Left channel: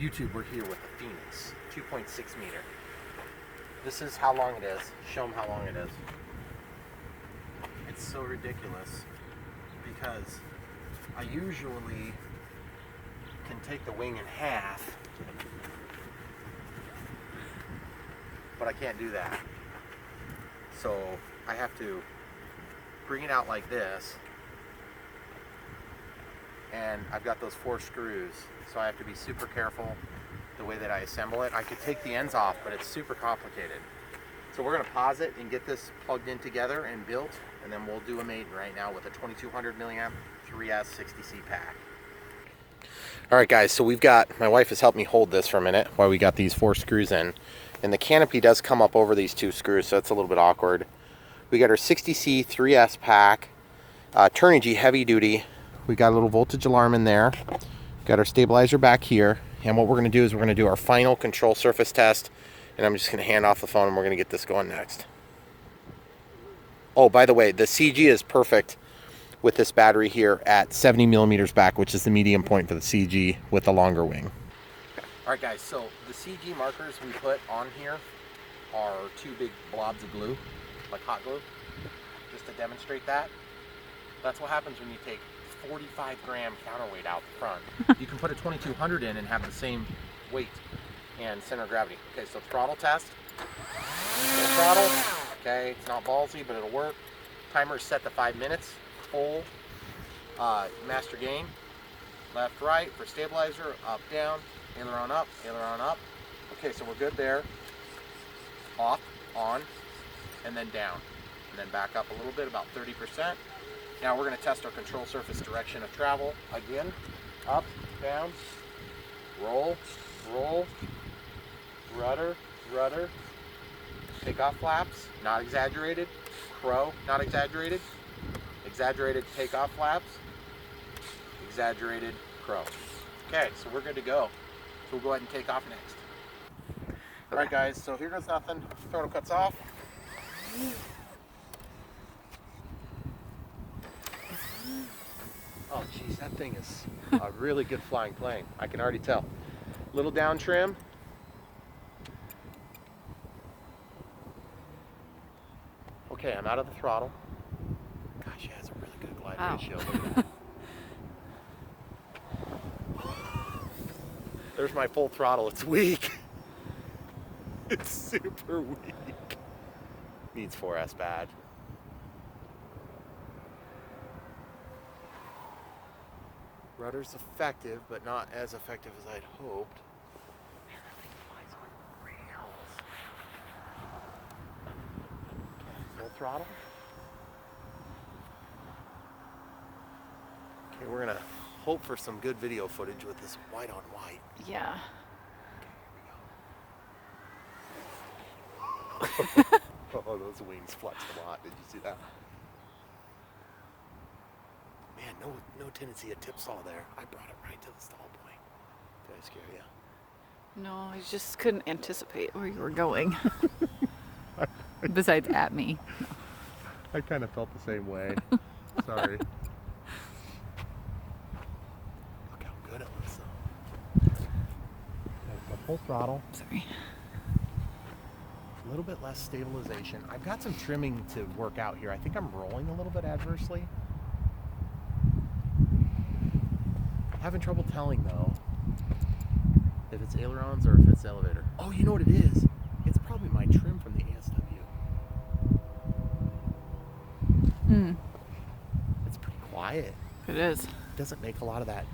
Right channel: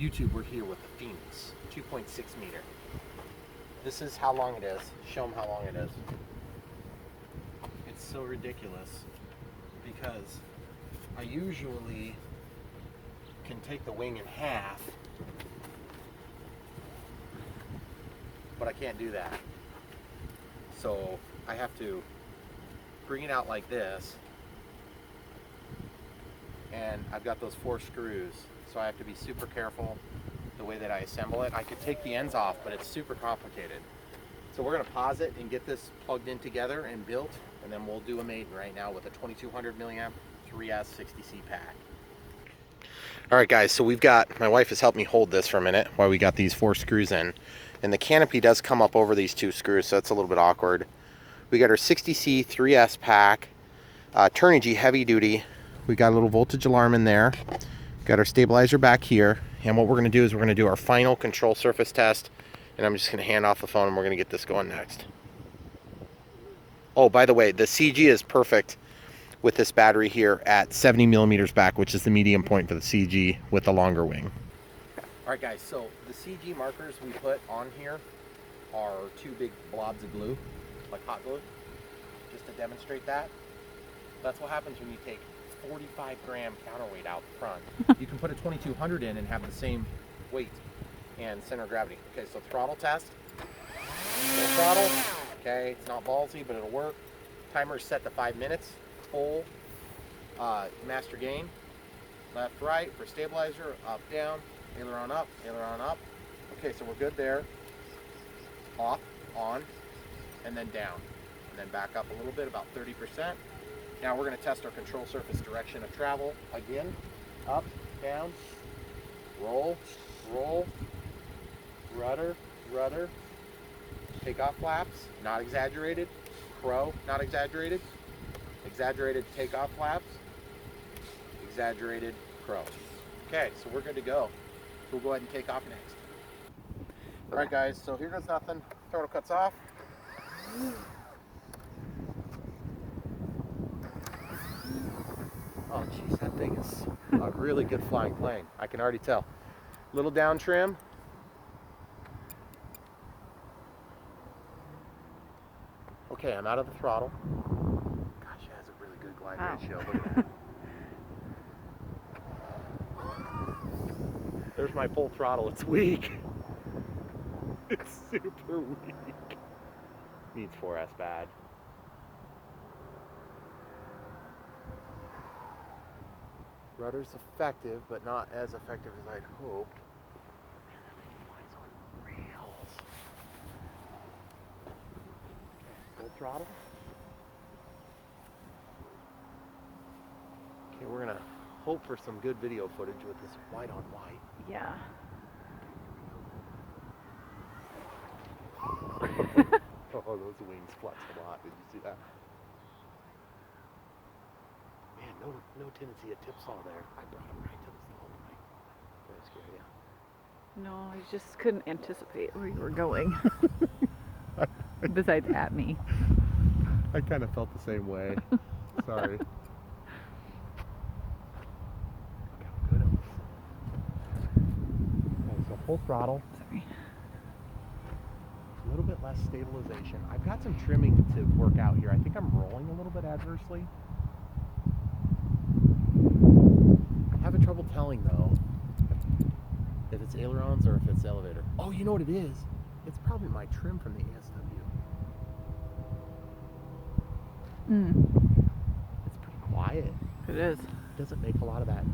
YouTube, we're here with the Phoenix 2.6 meter. This is how long it is. Show them how long it is. It's so ridiculous because I usually can take the wing in half, but I can't do that. So I have to bring it out like this, and I've got those 4 screws, so I have to be super careful the way that I assemble it. I could take the ends off, but it's super complicated. So we're going to pause it and get this plugged in together and built, and then we'll do a Maiden right now with a 2200 milliamp 3S 60C pack. All right guys, so my wife has helped me hold this for a minute while we got these 4 screws in, and the canopy does come up over these 2 screws, so it's a little bit awkward. We got our 60C 3S pack, Turnigy heavy duty. We got a little voltage alarm in there. Got our stabilizer back here, and what we're going to do is we're going to do our final control surface test, and I'm just going to hand off the phone and we're going to get this going next. Oh, by the way, the CG is perfect with this battery here at 70 millimeters back, which is the medium point for the CG with the longer wing. All right guys, so the CG markers we put on here are 2 big blobs of glue, like hot glue, just to demonstrate that. That's what happens when you take 45 gram counterweight out front. You can put a 2200 in and have the same weight and center of gravity. Okay, so throttle test. Full throttle. Okay, it's not ballsy, but it'll work. Timer is set to 5 minutes. Full master gain. Left, right for stabilizer. Up, down. Aileron up, aileron up. Okay, so we're good there. Off, on, and then down. And then back up a little bit, about 30%. Now we're going to test our control surface direction of travel. Again, up, down, roll, roll, rudder, rudder, takeoff flaps, not exaggerated, crow, not exaggerated, exaggerated takeoff flaps, exaggerated crow. Okay, so we're good to go. So we'll go ahead and take off next. All right guys, so here goes nothing. Throttle cuts off. Oh geez, that thing is a really good flying plane. I can already tell. Little down trim. Okay, I'm out of the throttle. Gosh, it has a really good glide ratio. Look at that. There's my full throttle. It's weak. It's super weak. Needs 4S bad. Rudder's effective, but not as effective as I'd hoped. Man, that thing flies on rails. Full throttle. Okay, we're gonna hope for some good video footage with this white on white. Yeah. Oh, those wings flexed a lot. Did you see that? Man, no tendency of tip saw there. I brought him right to the stall point. Did I scare you? No, I just couldn't anticipate where you were going. Besides at me. I kind of felt the same way. Sorry. Look how good it looks. Go full throttle. Sorry. A little bit less stabilization. I've got some trimming to work out here. I think I'm rolling a little bit adversely. I'm having trouble telling though if it's ailerons or if it's elevator. Oh, you know what it is? It's probably my trim from the ASW. It's pretty quiet. It is. It doesn't make a lot of that.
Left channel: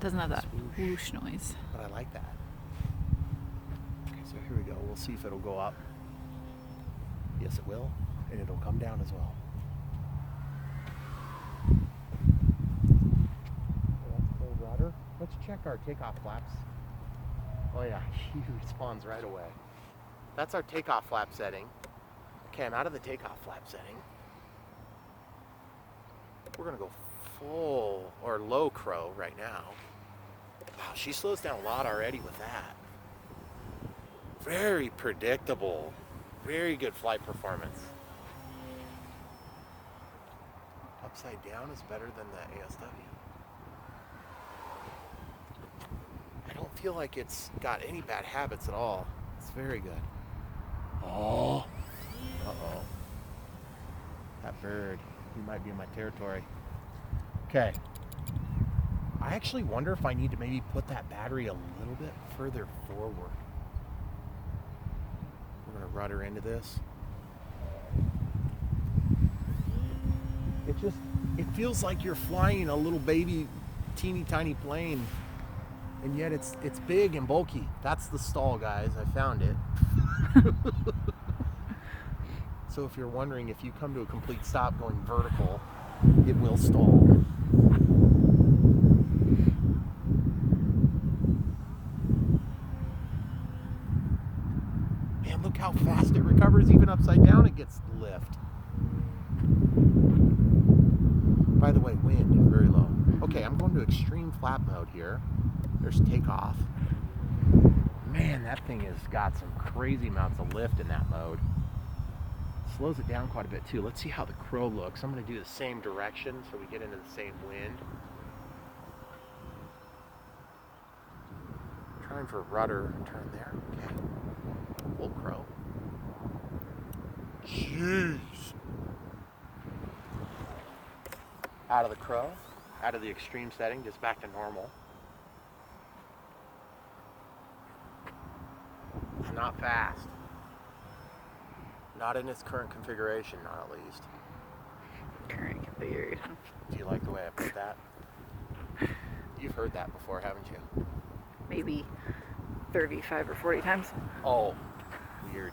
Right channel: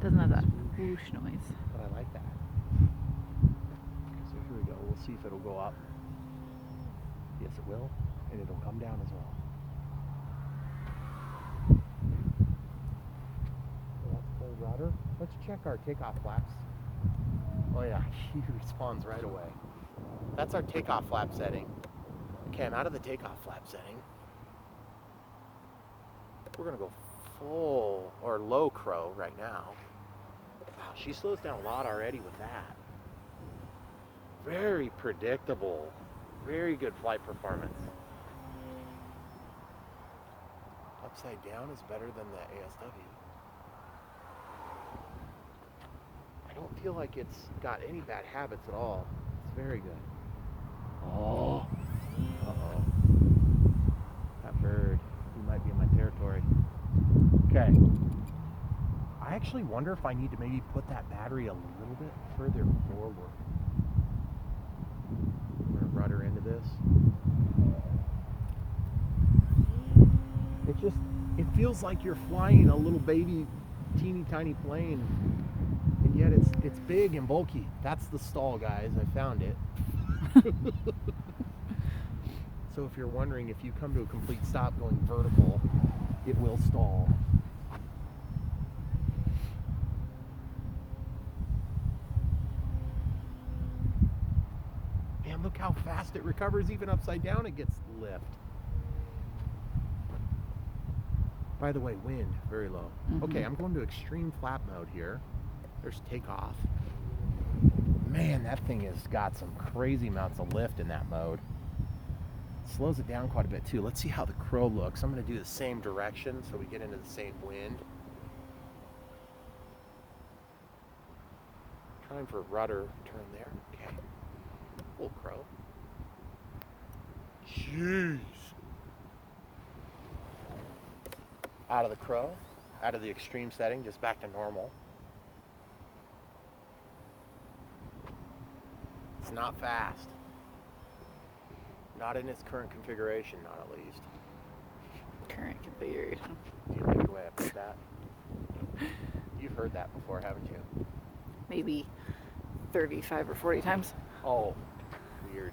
Doesn't have that whoosh noise. But I like that. Okay, so here we go. We'll see if it'll go up. Yes, it will. And it'll come down as well. Full rudder. Let's check our takeoff flaps. Oh yeah, he responds right away. That's our takeoff flap setting. Okay, I'm out of the takeoff flap setting. We're gonna go full or low crow right now. Wow, she slows down a lot already with that. Very predictable. Very good flight performance. Upside down is better than the ASW. I don't feel like it's got any bad habits at all. It's very good. Oh. That bird. He might be in my territory. Okay. I actually wonder if I need to maybe put that battery a little bit further forward. I'm gonna rudder into this. It feels like you're flying a little baby, teeny tiny plane, and yet it's big and bulky. That's the stall, guys. I found it. So if you're wondering, if you come to a complete stop going vertical, it will stall. Man, look how fast it recovers. Even upside down, it gets lift. By the way, wind, very low. Okay, I'm going to extreme flap mode here. There's takeoff. Man, that thing has got some crazy amounts of lift in that mode. Slows it down quite a bit too. Let's see how the crow looks. I'm going to do the same direction so we get into the same wind. Trying for rudder turn there. Okay. Full crow. Jeez. Out of the crow, out of the extreme setting, just back to normal. It's not fast. Not in its current configuration, not at least. Current configuration. Do you like the way I put that? You've heard that before, haven't you? Maybe 35 or 40 times. Oh, weird.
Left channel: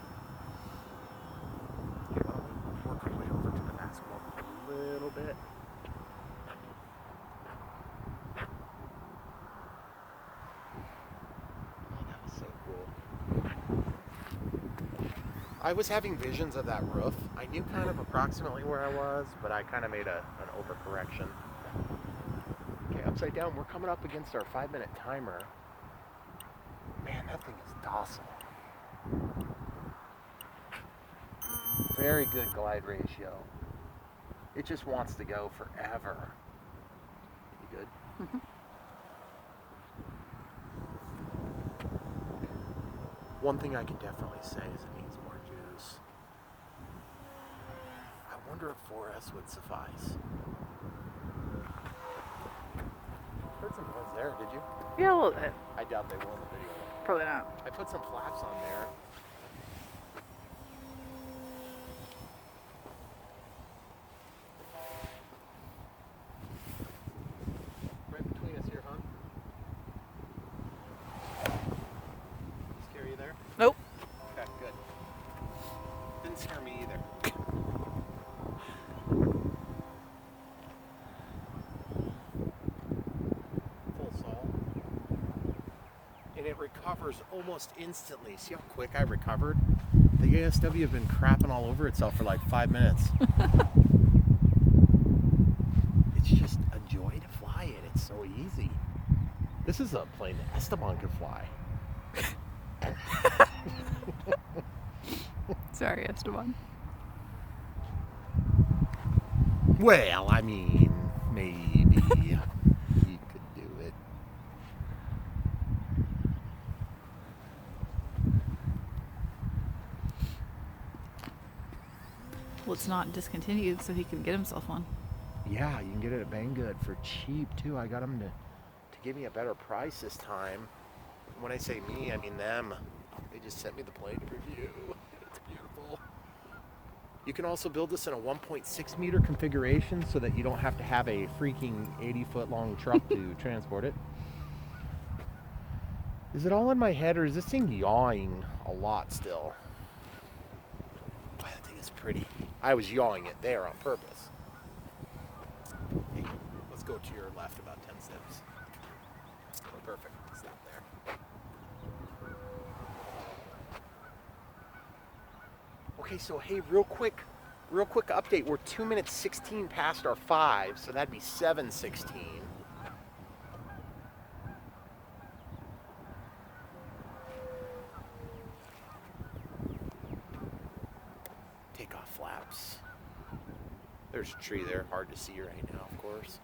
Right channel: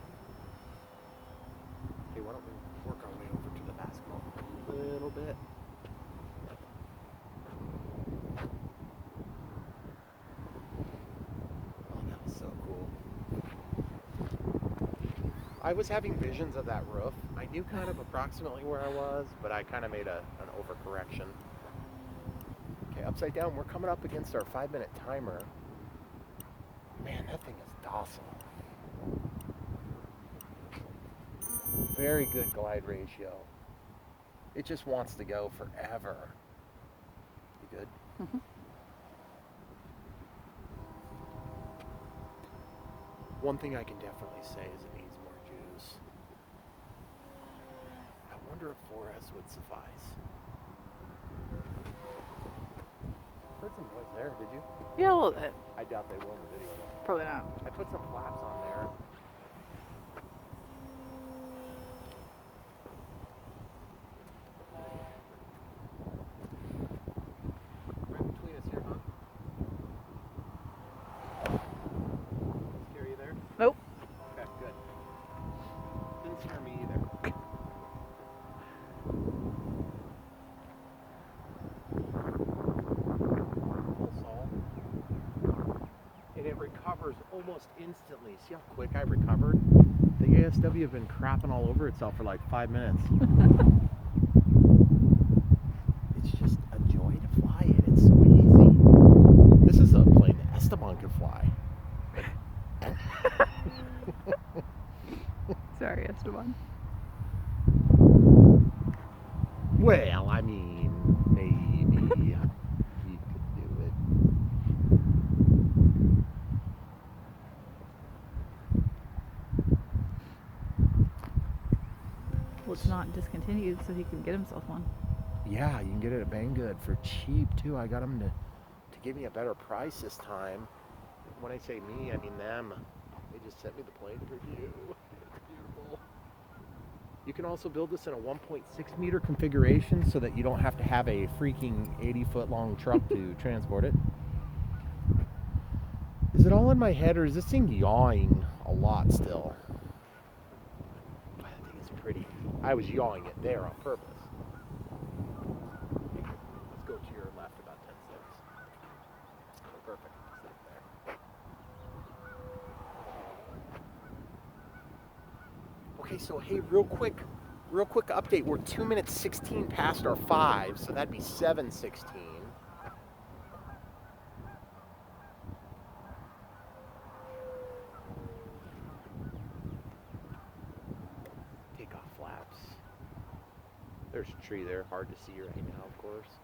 Here, let me work our way over to the basketball a little bit. So cool. I was having visions of that roof. I knew kind of approximately where I was, but I kind of made an overcorrection. Okay, upside down, we're coming up against our 5-minute timer. Man, that thing is docile. Very good glide ratio. It just wants to go forever. You good? Mm-hmm. One thing I can definitely say is it needs more juice. I wonder if 4S would suffice. Heard some noise there, did you? Yeah, a little bit. I doubt they will be. Probably not. I put some flaps on there. Right between us here, huh? Scare you there? Nope. Okay, good. Didn't scare me either. Full saw. And it recovers almost instantly. See how quick I recovered? The ASW have been crapping all over itself for like 5 minutes. It's just a joy to fly it. It's so easy. This is a plane that Esteban can fly. Sorry, Esteban. Well, I mean, maybe he could do it. Well, it's not discontinued, so he can get himself one. Yeah, you can get it at Banggood for cheap too. I got them to give me a better price this time. When I say me, I mean them. They just sent me the plane to review. It's beautiful. You can also build this in a 1.6 meter configuration so that you don't have to have a freaking 80-foot long truck to transport it. Is it all in my head, or is this thing yawing a lot still? Boy, that thing is pretty. I was yawing it there on purpose. Okay, let's go to your left about 10 steps. Oh, perfect. Stop there. Okay, so hey, real quick update. We're 2 minutes 16 past our 5, so that'd be 7:16. Takeoff flaps. There's a tree there, hard to see right now, of course.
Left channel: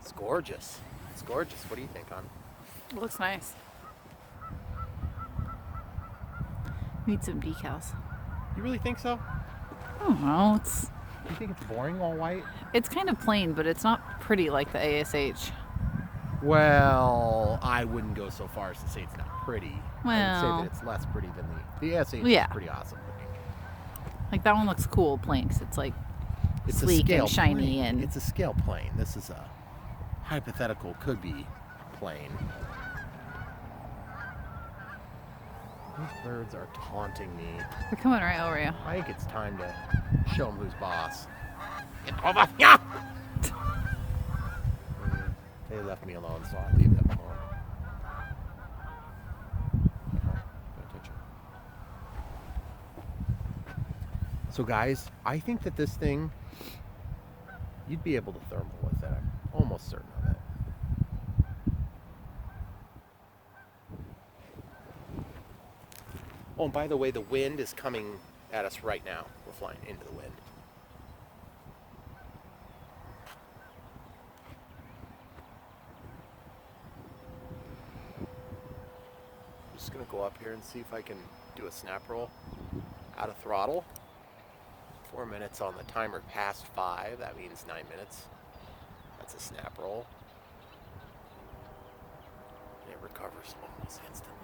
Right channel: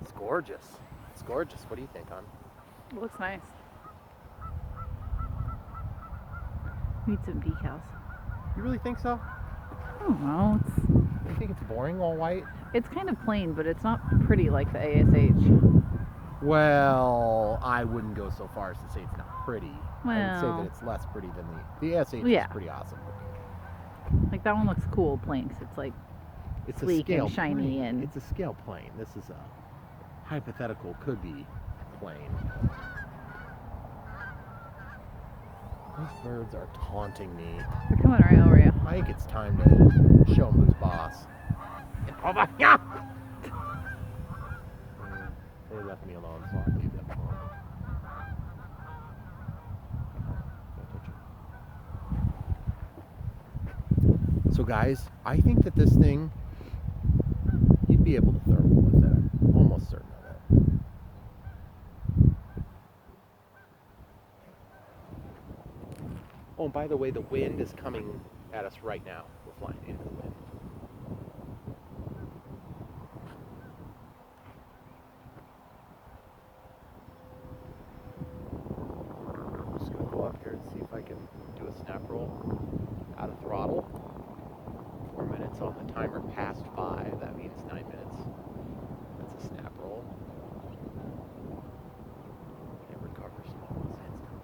It's gorgeous. It's gorgeous. What do you think, hon? It looks nice. Need some decals. You really think so? I don't know. You think it's boring all white? It's kind of plain, but it's not pretty like the ASH. Well, I wouldn't go so far as to say it's not pretty. I would say Well, that it's less pretty than the ASH yeah. is pretty awesome looking. like that one looks cool plain because it's like It's sleek a scale and shiny plane. and It's a scale plane. This is a hypothetical could be plane. These birds are taunting me. they're coming right over you. I think it's time to show them who's boss. Get over here! They left me alone, so I'll leave them alone. So guys, I think that this thing, you'd be able to throw with it. I'm almost certain of it. Oh, and by the way, the wind is coming at us right now. We're flying into the wind. I'm just gonna go up here and see if I can do a snap roll out of throttle. 4 minutes on the timer past 5. That means 9 minutes. That's a snap roll. It recovers almost instantly.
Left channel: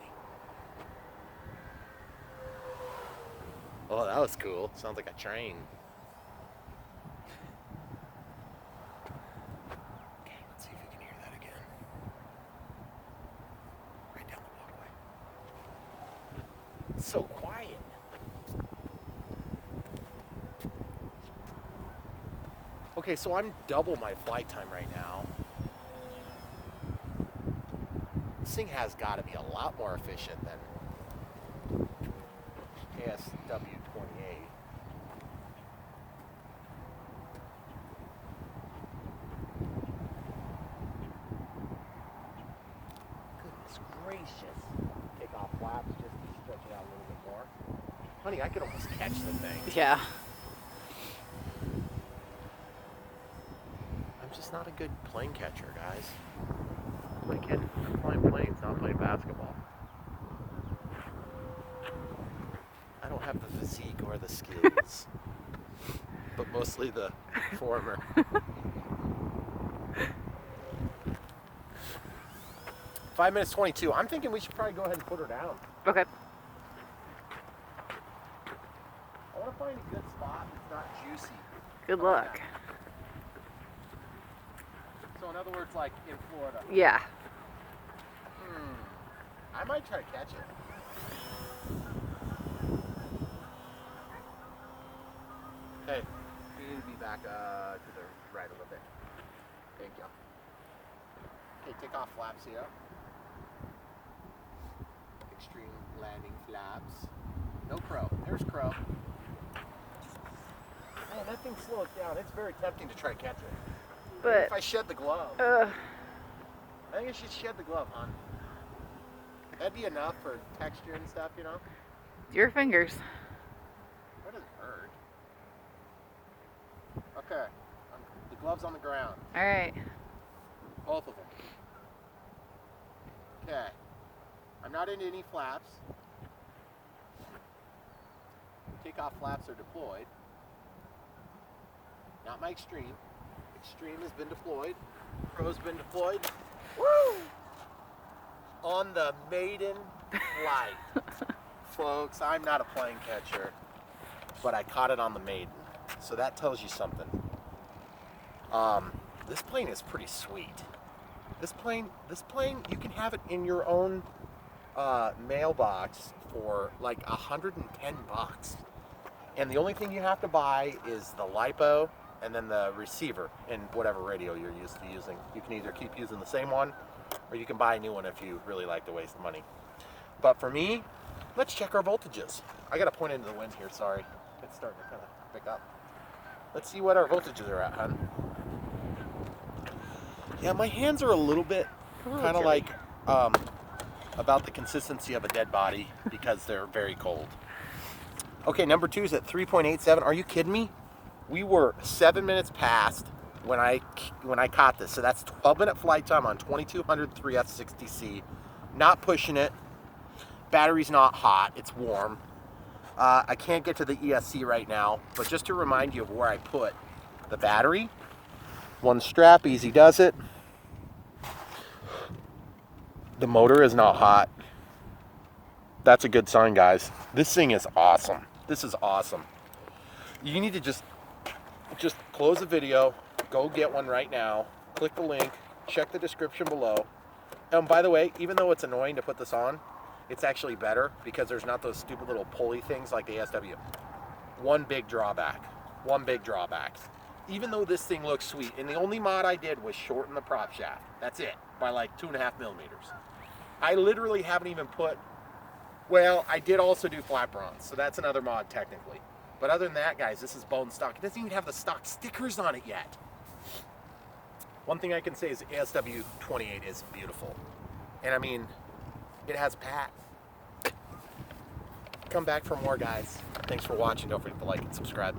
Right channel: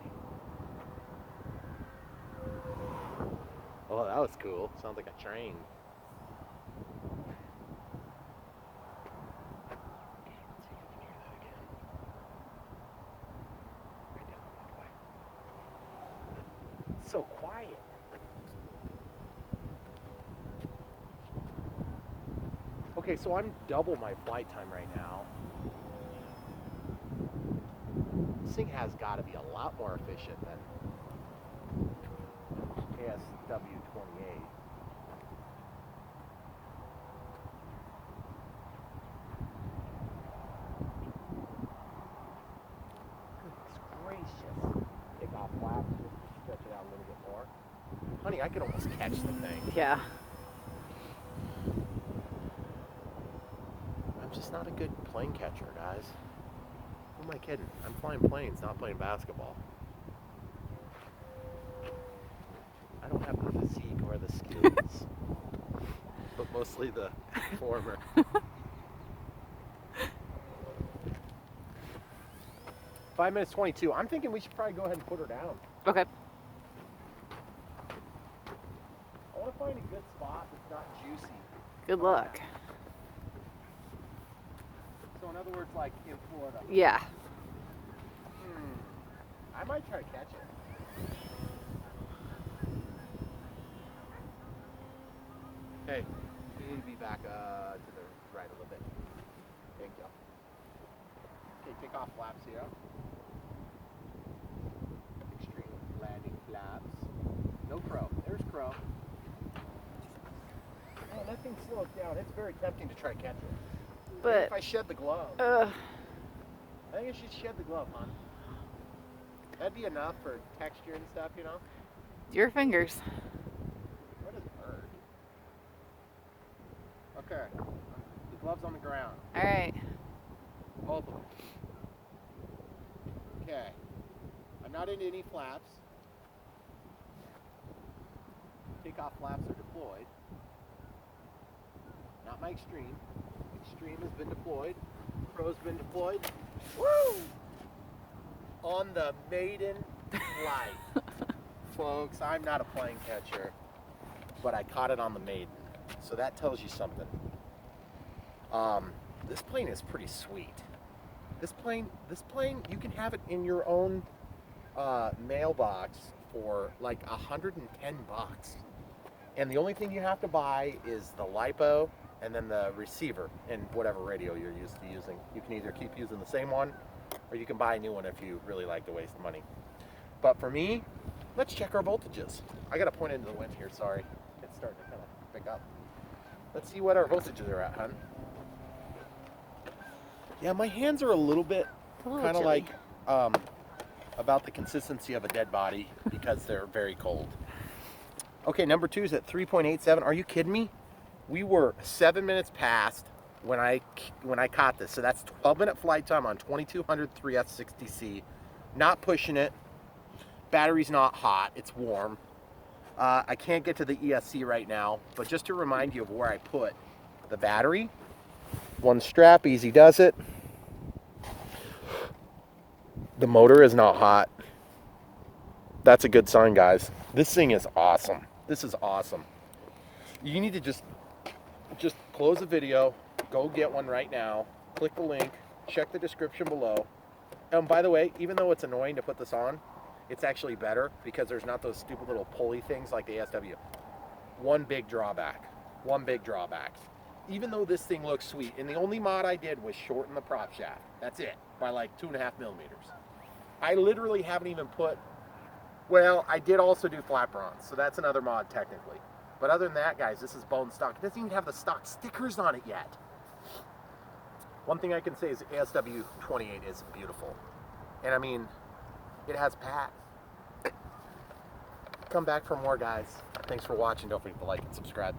Oh, that was cool. Sounds like a train. Okay, let's see if we can hear that again. Right down the walkway. It's so quiet. Okay, so I'm double my flight time right now. This thing has got to be a lot more efficient than KSW-28. Goodness gracious. Take off flaps just to stretch it out a little bit more. Honey, I could almost catch the thing. Yeah. I'm just not a good plane catcher, guys. I'm flying planes, not playing basketball. I don't have the physique or the skills, but mostly the former. 5 minutes 22. I'm thinking we should probably go ahead and put her down. Okay. I want to find a good spot that's not juicy. Good luck. So in other words, like in Florida. Yeah. I might try to catch it. Hey, we need to be back to the right a little bit. Thank you. Okay, take off flaps here. Extreme landing flaps. No crow. There's crow. Oh, that thing slows down. It's very tempting to try to catch it. Maybe But if I shed the glove. I think I should shed the glove, huh? That'd be enough for texture and stuff, you know? your fingers. Where does it hurt? Okay. The glove's on the ground. All right. Both of them. Okay. I'm not into any flaps. Takeoff flaps are deployed. Not my extreme. Extreme has been deployed. Crow's been deployed. Woo! On the maiden flight. Folks, I'm not a plane catcher, but I caught it on the Maiden. So that tells you something. This plane is pretty sweet. This plane, you can have it in your own mailbox for like $110. And the only thing you have to buy is the LiPo and then the receiver and whatever radio you're used to using. You can either keep using the same one or you can buy a new one if you really like to waste money. But for me, let's check our voltages. I gotta point into the wind here, sorry. It's starting to kind of pick up. Let's see what our voltages are at, hon. Yeah, my hands are a little bit kind of like about the consistency of a dead body because they're very cold. Okay, number 2 is at 3.87. Are you kidding me? We were 7 minutes past when I caught this. So that's 12-minute flight time on 2200 3F60C. Not pushing it. Battery's not hot. It's warm. I can't get to the ESC right now, but just to remind you of where I put the battery, one strap, easy does it. The motor is not hot. That's a good sign, guys. This thing is awesome. This is awesome. You need to just close the video, go get one right now, click the link, check the description below. And by the way, even though it's annoying to put this on, it's actually better because there's not those stupid little pulley things like the ASW. One big drawback. Even though this thing looks sweet, and the only mod I did was shorten the prop shaft. That's it, by like 2.5 millimeters. I literally haven't even put, well, I did also do flat bronze, so that's another mod technically. But other than that, guys, this is bone stock. It doesn't even have the stock stickers on it yet. One thing I can say is the ASW 28 is beautiful. And I mean, it has pat. Come back for more, guys. Thanks for watching. Don't forget to like and subscribe.